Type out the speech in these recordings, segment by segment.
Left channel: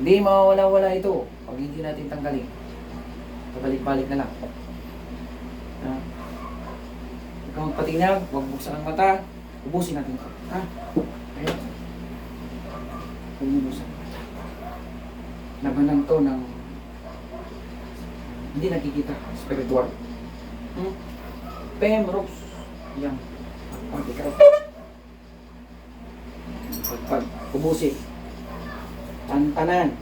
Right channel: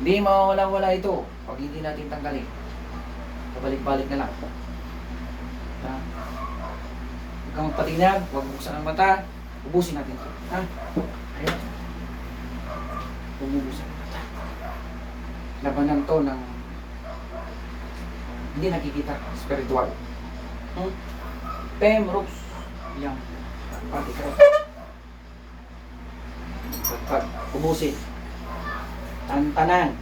Hindi mawawala-wala ito pag hindi natin tanggalin. Pabalik-balik na lang. Ha? Huwag kang patinag, huwag buksan ang mata. Ubusin natin ito. Ha? Ayun. Huwag mo buksan ang mata. Labanan to ng hindi nakikita. Spiritual. Hmm? Pem, ropes. Yan. Ka. Pagpag, ubusin. Tantanan.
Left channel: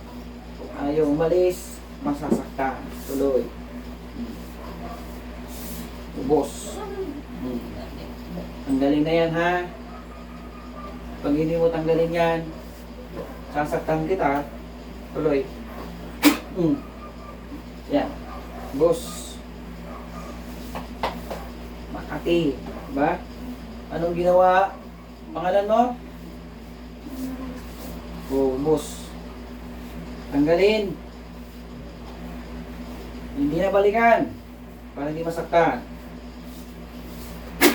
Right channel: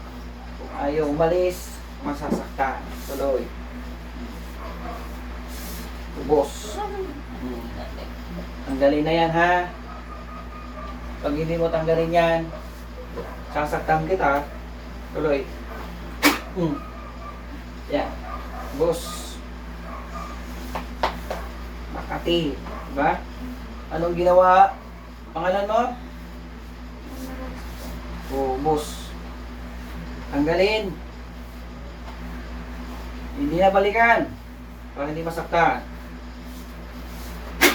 Kung ayaw umalis, masasaktan. Tuloy. Ubos. Hmm. Tanggalin na yan ha. Pag hindi mo tanggalin yan, sasaktan kita. Tuloy. Hmm. Yan. Ubos. Makati. Diba? Anong ginawa? Pangalan mo? Ubos. Tanggalin. Hindi na balikan. Para hindi masaktan.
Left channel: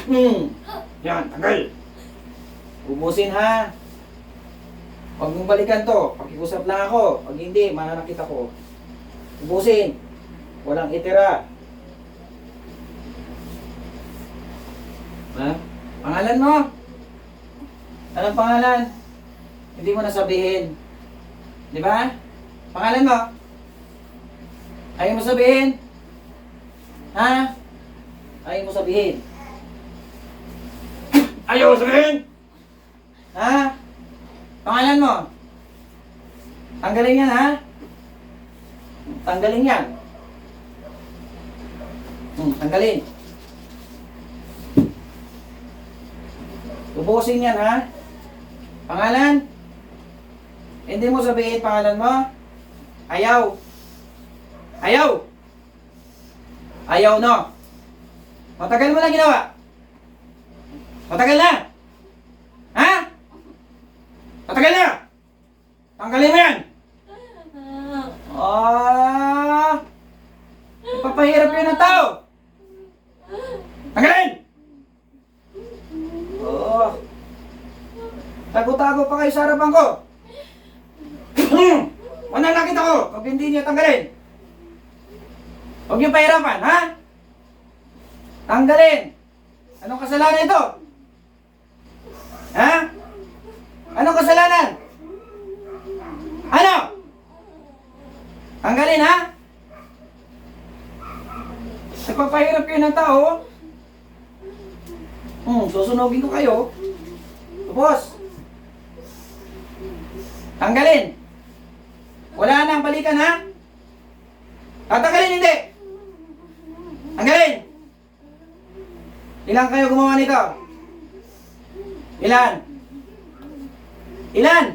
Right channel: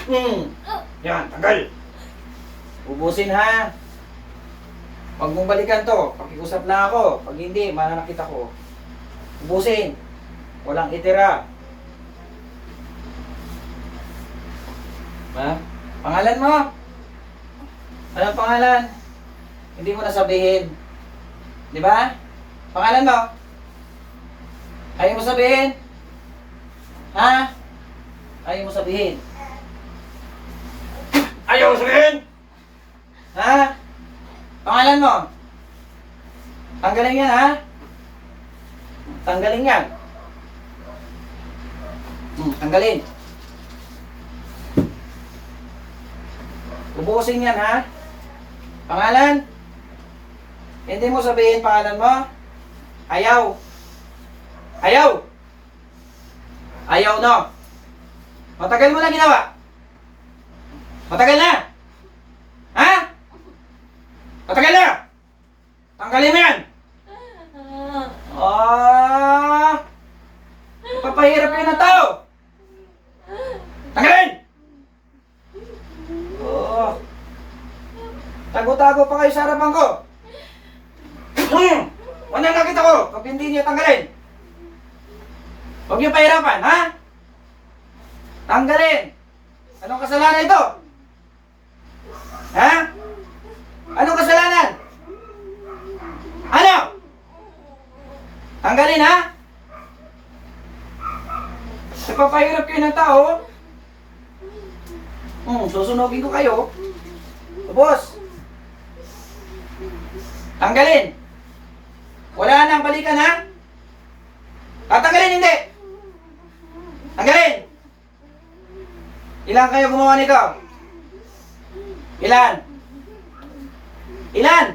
Hmm. Yan, tanggal. Ubusin ha. Pag mong balikan to, pakiusap lang ako. Pag hindi, mananakit ako. Ubusin. Walang itira. Ha? Pangalan mo? Anong pangalan? Hindi mo nasabihin. Di ba? Pangalan mo? Ayaw mo sabihin? Ha? Ayaw mo sabihin? Ayaw mo sabihin? Ha? Pangalan mo? Tanggalin yan, ha? Tanggalin yan. Hmm, tanggalin. Ubusin yan, ha? Pangalan? Hindi mo sabihin pangalan mo? Ayaw. Ayaw. Ayaw, no? Matagal mo na ginawa. Matagal na. Ha? Matagal na. Tanggalin mo yan. Ah! Papahirap yun ng tao. Tanggalin! Oh. Tago-tago pa kayo sa harapan ko. Hmm. Mananakit ako pag hindi niya tanggalin. Huwag niyo pahirapan, ha? Tanggalin. Anong kasalanan ito? Ha? Anong kasalanan? Ano? Tanggalin, ha? Nagpapahirap kayo ng tao. Hmm, susunogin ko kayo. Boss. Tanggalin. Wala nang balikan, ha? Tatanggalin, hindi. Tanggalin. Ilan kayo gumawa nito? Ilan? Ilan?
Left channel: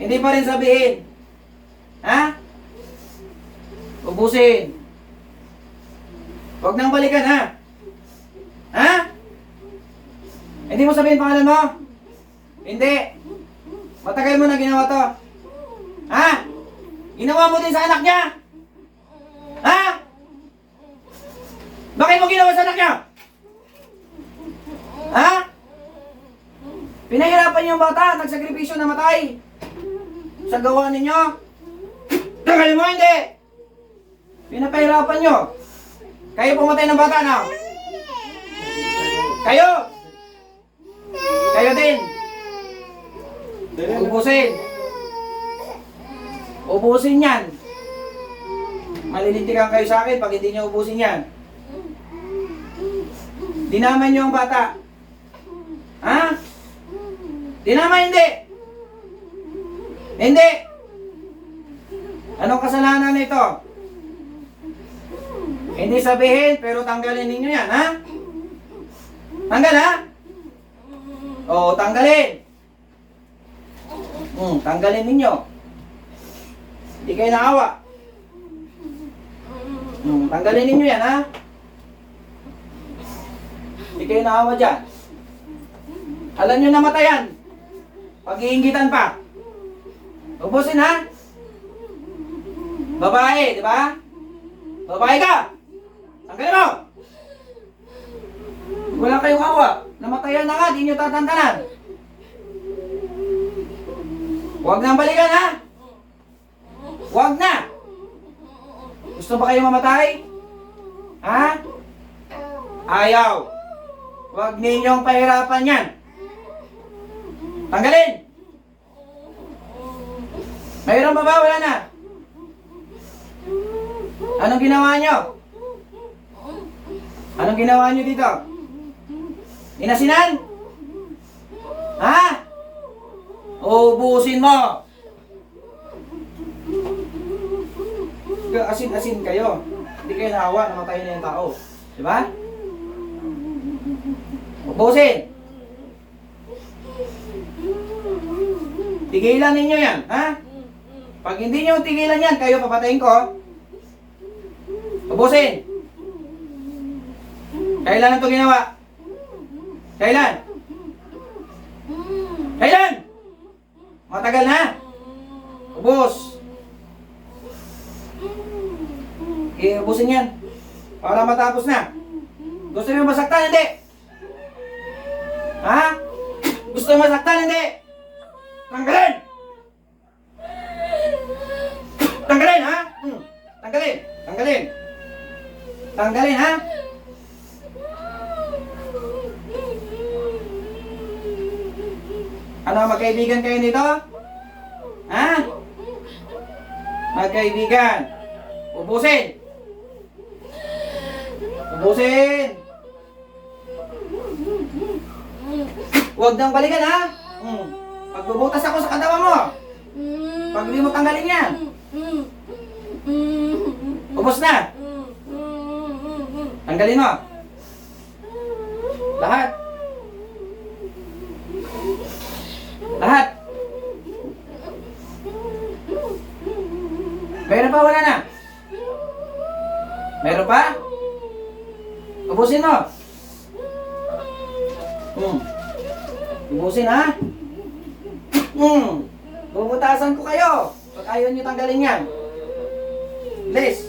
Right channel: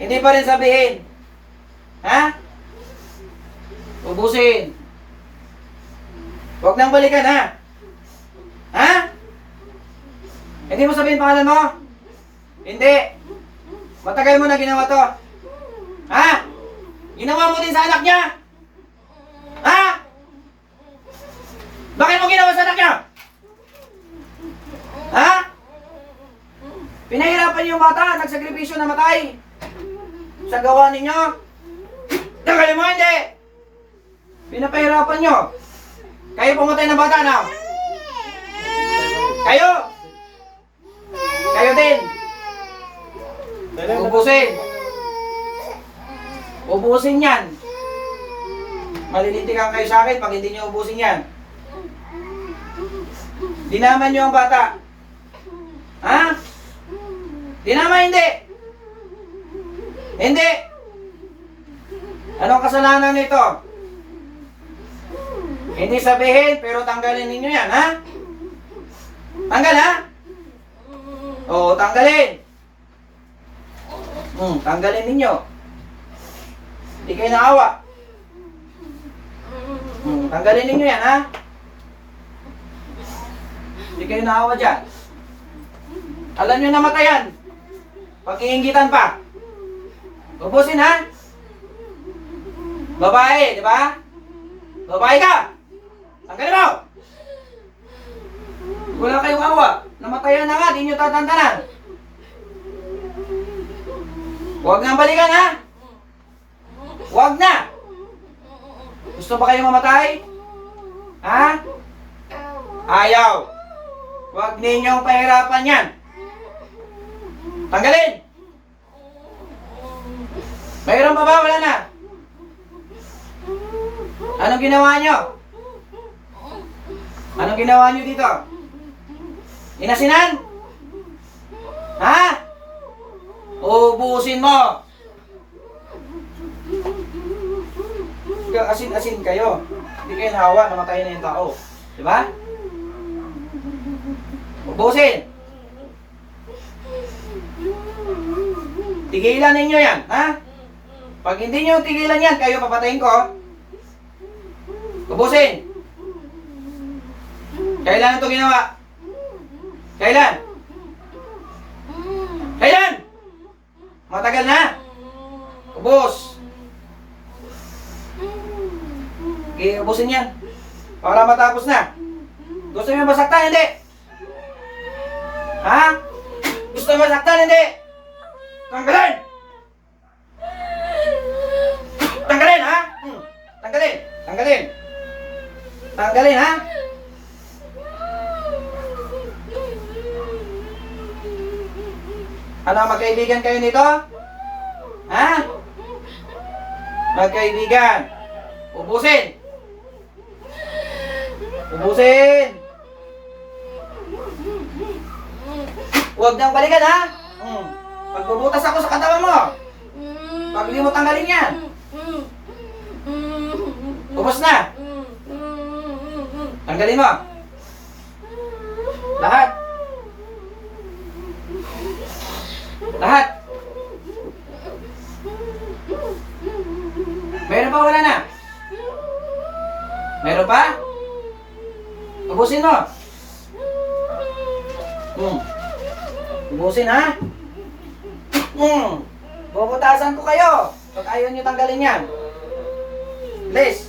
Hindi pa rin sabihin. Ha? Ubusin. Huwag nang balikan, ha? Ha? Hindi mo sabihin pangalan mo? Hindi. Matagal mo na ginawa to. Ha? Ginawa mo din sa anak niya? Ha? Bakit mo ginawa sa anak niya? Ha? Pinahirapan niyo yung bata, nagsakripisyo na matay. Sa gawa ninyo. Mo hindi. Pinapahirapan niyo. Kayo pumatay ng bata na. Kayo. Kayo din. Ubusin. Ubusin yan. Malilintikan kayo sa akin pag hindi niyo ubusin yan. Dinaman niyo ang bata. Ha? Dinaman hindi. Hindi. Anong kasalanan nito? Hindi sabihin, pero tanggalin ninyo yan, ha? Tanggal, ha? Oo, tanggalin. Hmm, tanggalin ninyo. Hindi kayo naawa. Hmm, tanggalin ninyo yan, ha? Hindi kayo naawa dyan. Alam nyo namatayan. Pag-iingitan pa. Ubusin, ha? Babae, di ba? Babae ka! Tanggalin mo! Wala kayong awa. Namatayan na nga, di nyo tatantanan. Huwag nang balikan, ha? Huwag na! Gusto ba kayo mamatay? Ha? Ayaw! Huwag ninyong pahirapan yan! Tanggalin! Mayroon pa ba? Wala na? Anong ginawa nyo? Anong ginawa nyo dito? Inasinan? Ha? Ubusin mo! Asin-asin kayo. Hindi kayo nahawa, namatay na yung tao. Di ba? Ubusin! Tigilan ninyo yan, ha? Pag hindi nyo tigilan yan, kayo papatayin ko. Ubusin! Kailan ito ginawa? Kailan? Kailan? Matagal na? Ubus! Iubusin yan. Para matapos na. Gusto nyo masaktan? Hindi! Ha? Gusto nyo masaktan? Hindi! Tanggalin! Tanggalin, ha? Hmm. Tanggalin! Tanggalin! Tanggalin, ha? Ano, magkaibigan kayo nito? Ha? Magkaibigan. Ubusin! Ubusin! Huwag nang balikan, ha? Hmm. Pagbubutas ako sa katawan mo. Pag hindi mo tanggalin yan. Ubus na. Tanggalin mo. Lahat. Lahat. Meron pa wala na? Meron pa? Ubusin mo. Hmm. Ubusin ha? Hmm. Bubutasan ko kayo. Pag ayaw nyo tanggalin yan. Please.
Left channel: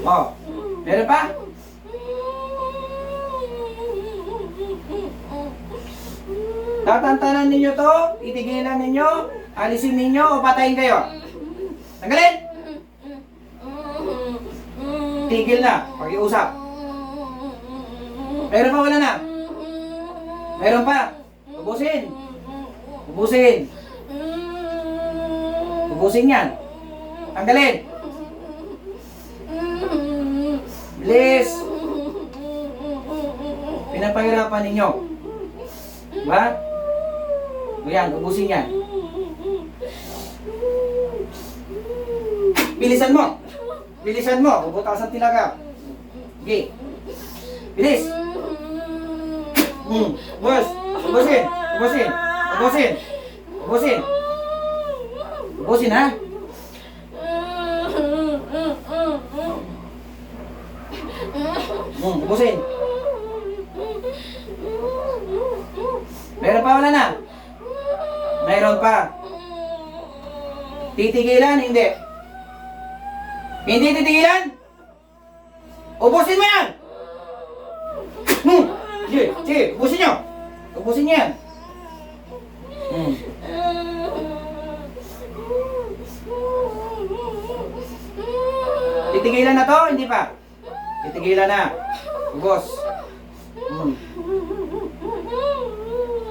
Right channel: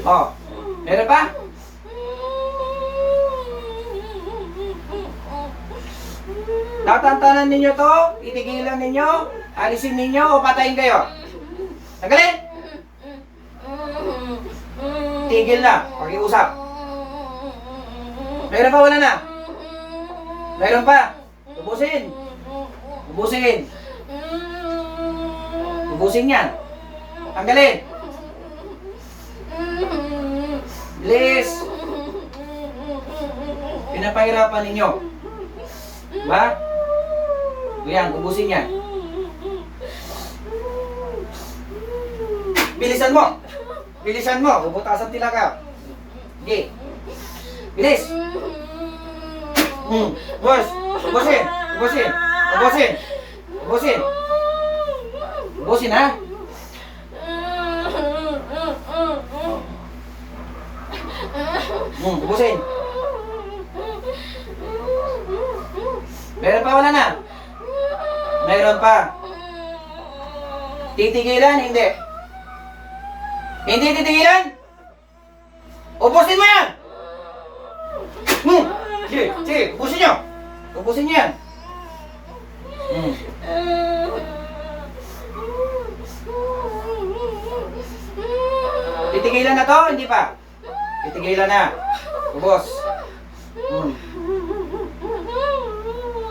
Oh. Meron pa? Tatantanan ninyo to, itigilan ninyo, alisin ninyo o patayin kayo. Tanggalin! Tigil na, pag-iusap. Meron pa wala na? Meron pa? Ubusin. Ubusin. Ubusin yan. Tanggalin. Please. Pinapahirapan ninyo. Diba? Yan, ubusin yan. Bilisan mo. Bilisan mo. Bubutasan tilaga. Sige. Bilis. Hmm. Bus. Ubusin. Ubusin. Ubusin. Ubusin. Ubusin ha. Hmm. Ubusin. Meron pa wala na? Meron pa. Titigilan? Hindi. Hindi titigilan? Ubusin mo yan! Hmm. Sige, sige, ubusin nyo. Ubusin nyo yan. Hmm. Titigilan na to? Hindi pa. Titigilan na. Ubos. Hmm.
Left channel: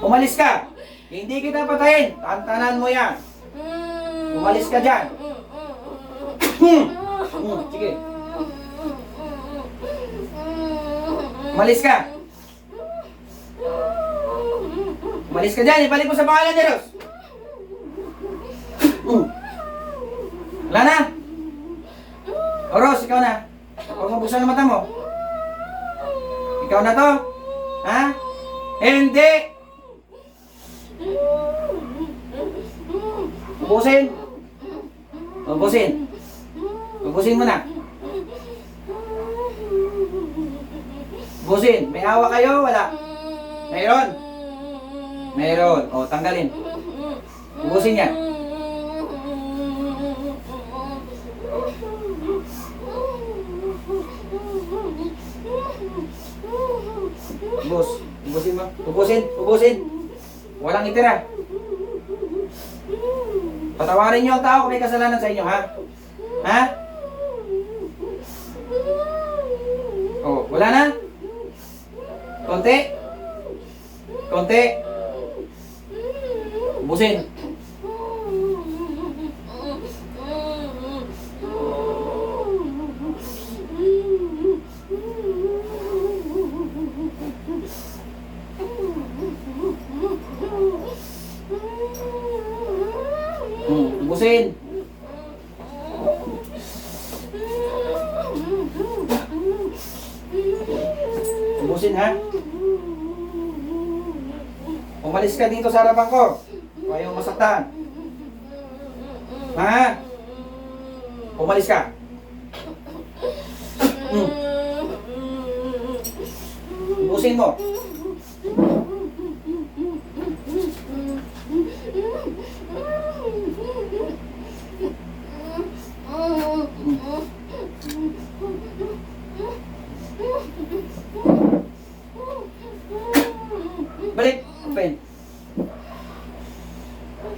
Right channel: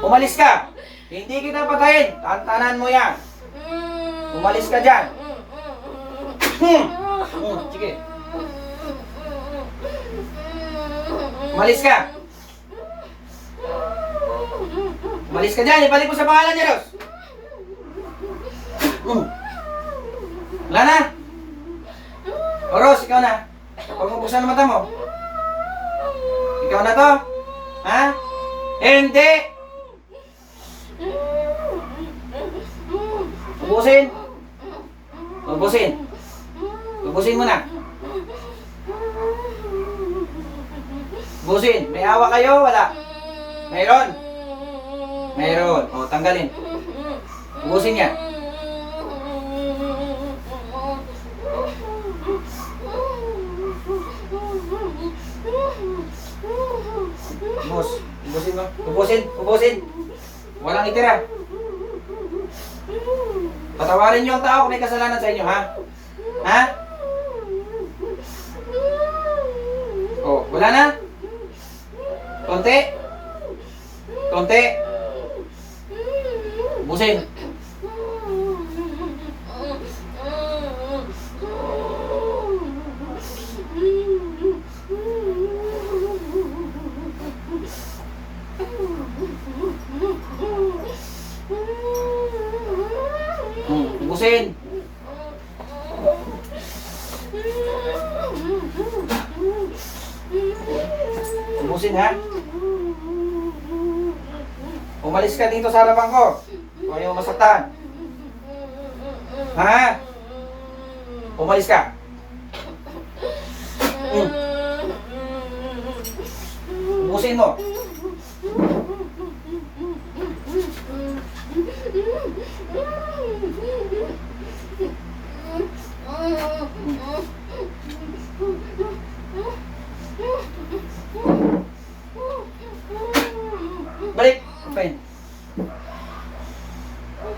Umalis ka. Hindi kita patayin. Tantanan mo yan. Umalis ka dyan. Hmm. Hmm. Sige. Umalis ka. Umalis ka dyan. Ibalik mo sa pangalan niya, Ros. Hmm. Wala na. O, Ros, ikaw na. Huwag mo ang mata mo. Ikaw na to. Ha? Hindi. Ubusin. Ubusin. Ubusin mo na. Ubusin. May hawa kayo? Wala. Mayroon. Mayroon. O, tanggalin. Ubusin niya. Ubus. Ubusin mo. Ubusin. Ubusin. Walang itira. Patawarin niyo ang tao kung may kasalanan sa inyo, ha? Ha? Oh, wala na? Konti? Konti? Ubusin. Hmm, ubusin. Ubusin, ha? Umalis ka dito sa harapan ko. Kung ayaw masaktan. Ha? Umalis ka. Hmm. Ubusin mo. Balik. Open.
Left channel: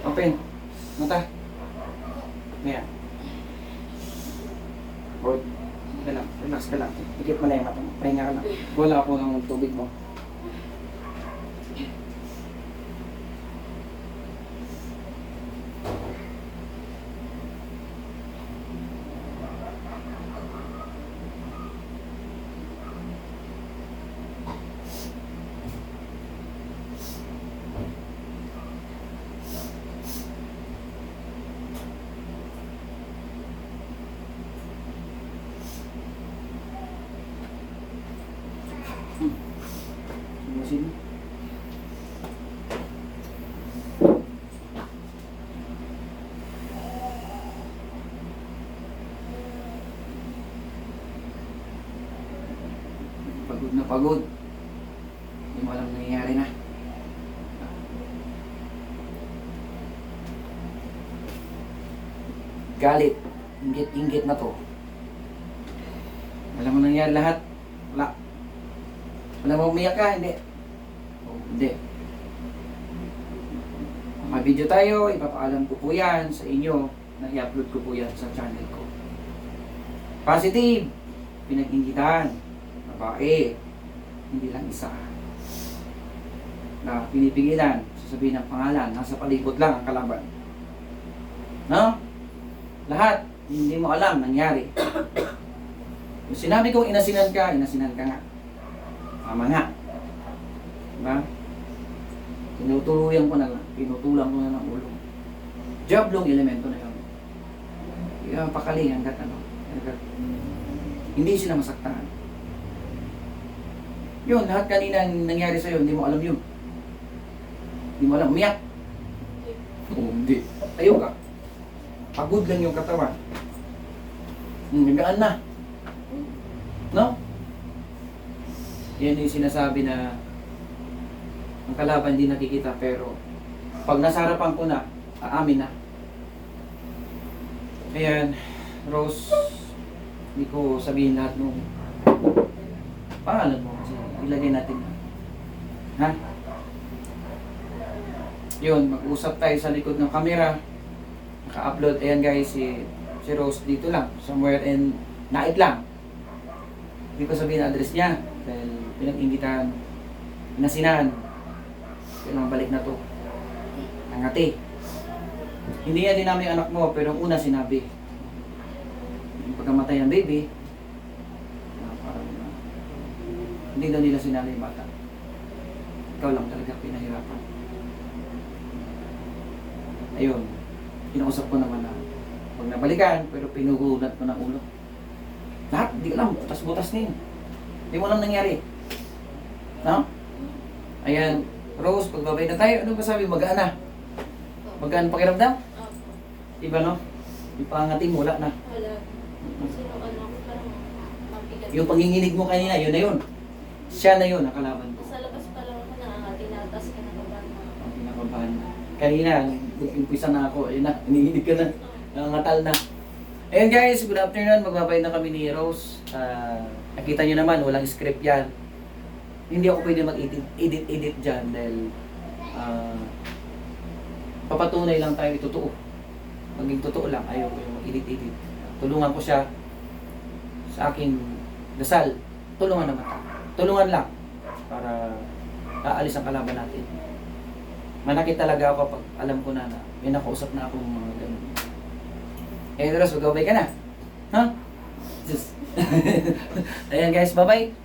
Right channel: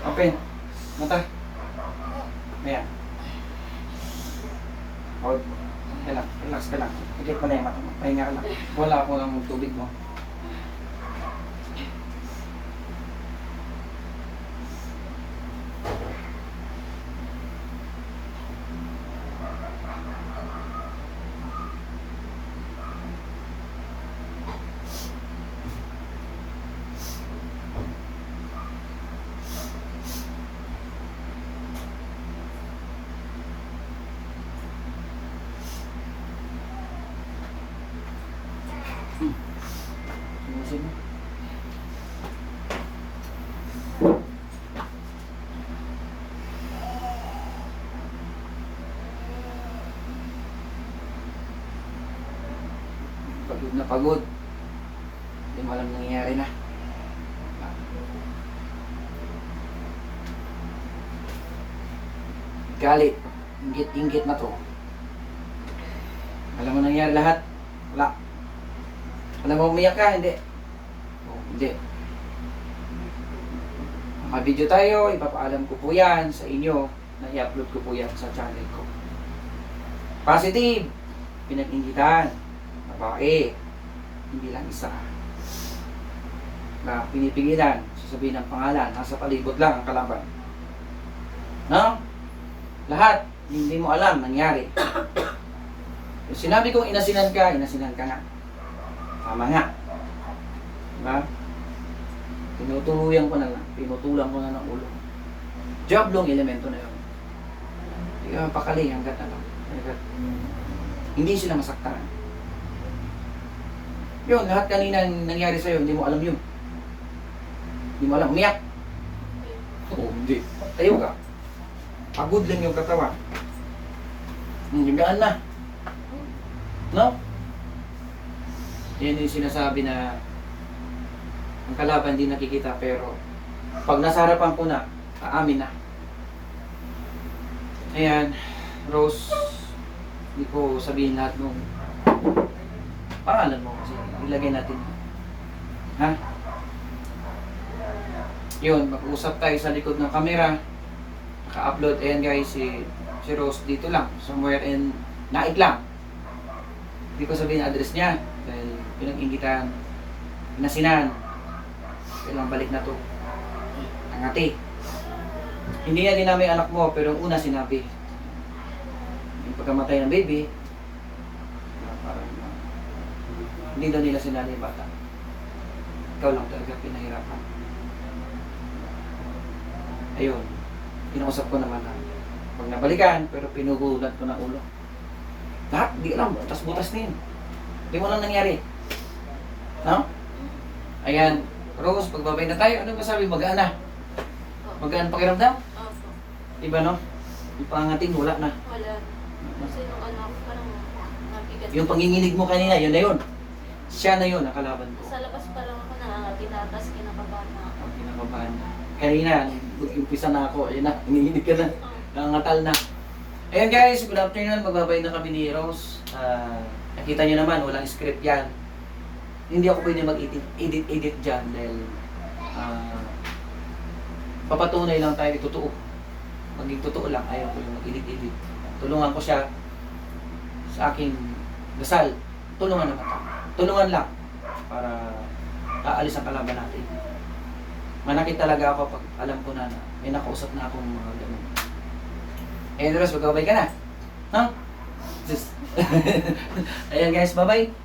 Open. Mata. Maya. Hold. Yan lang. Relax ka lang. Ikit mo lang yung mata mo. Pahinga ka lang. Wala po ng tubig mo. Ubusin mo. Pagod na pagod. Hindi mo alam nangyayari na. Galit. Inggit-inggit na to. Alam mo nangyayari lahat? Wala. Wala mo umiyak ka? Hindi. Oh, hindi. Mga-video tayo, ipapaalam ko po yan sa inyo na i-upload ko po yan sa channel ko. Positive, pinag-inggitan, babae, hindi lang isa. Na pinipigilan, sasabihin ng pangalan, nasa palibot lang ang kalaban. No? Lahat, hindi mo alam nangyari. Kung sinabi kong inasinan ka, inasinan ka nga. Tama nga. Diba? Tinutuluyan ko na lang. Pinutulang ko na ng ulo. Joblong elemento na yun. Kaya pakali hanggat ano. Hanggat, hindi sila masaktan. Yun, lahat kanina nangyari sa'yo, hindi mo alam yun. Hindi mo alam, umiyak. Oo, hindi. Tayo ka. Pagod lang yung katawan. Hmm, higaan na. No? Yan yung sinasabi na ang kalaban hindi nakikita pero pag nasa harapan ko na, aamin na. Ayan, Rose, hindi ko sabihin lahat nung pangalan mo kasi ilagay natin. Ha? Yun, mag-usap tayo sa likod ng camera. Naka-upload. Ayan guys, si, si Rose dito lang. Somewhere in Naik lang. Hindi ko sabihin ang address niya. Dahil pinag-ingitan, inasinan. Kailangan balik na to. Angati. Hindi niya dinami anak mo, pero ang una sinabi. Yung pagkamatay ng baby, hindi daw nila sinali yung bata. Ikaw lang talaga pinahirapan. Ayun, pinausap ko naman na pag nabalikan, pero pinugulat ko ng ulo. Lahat, di alam, butas-butas na yun. Di mo alam nangyari. No? Ayan, Rose, pagbabay na tayo, ano ba sabi, magaan na? Magaan pakiramdam? Opo. Iba no? Ipangatin mo, wala na. Wala. Kasi nung ano, parang nabigat. Yung panginginig mo kanina, yun na yun. Siya na yun, nakalaban ko. Sa labas pa lang ako nangangati na, tapos kinakabahan na ako. Ang kinakabahan na. Kanina, umpisa na ako, ayun na, nanginginig ka na. Oh. Nangangatal na. Ayan guys, good afternoon. Magbabay na kami ni Rose. Ah, nakita nyo naman, walang script yan. hindi ako pwede mag-edit edit, edit dyan dahil ah, papatunay lang tayo totoo. Maging totoo lang, ayaw ko yung mag-edit edit. Tulungan ko siya sa aking dasal. Tulungan naman tayo. Tulungan lang para aalis ang kalaban natin. Manakit talaga ako pag alam ko na na may nakausap na akong mga ganun. Eh, Dres, magkabay ka na. Ha? Just. Ayan guys, bye-bye.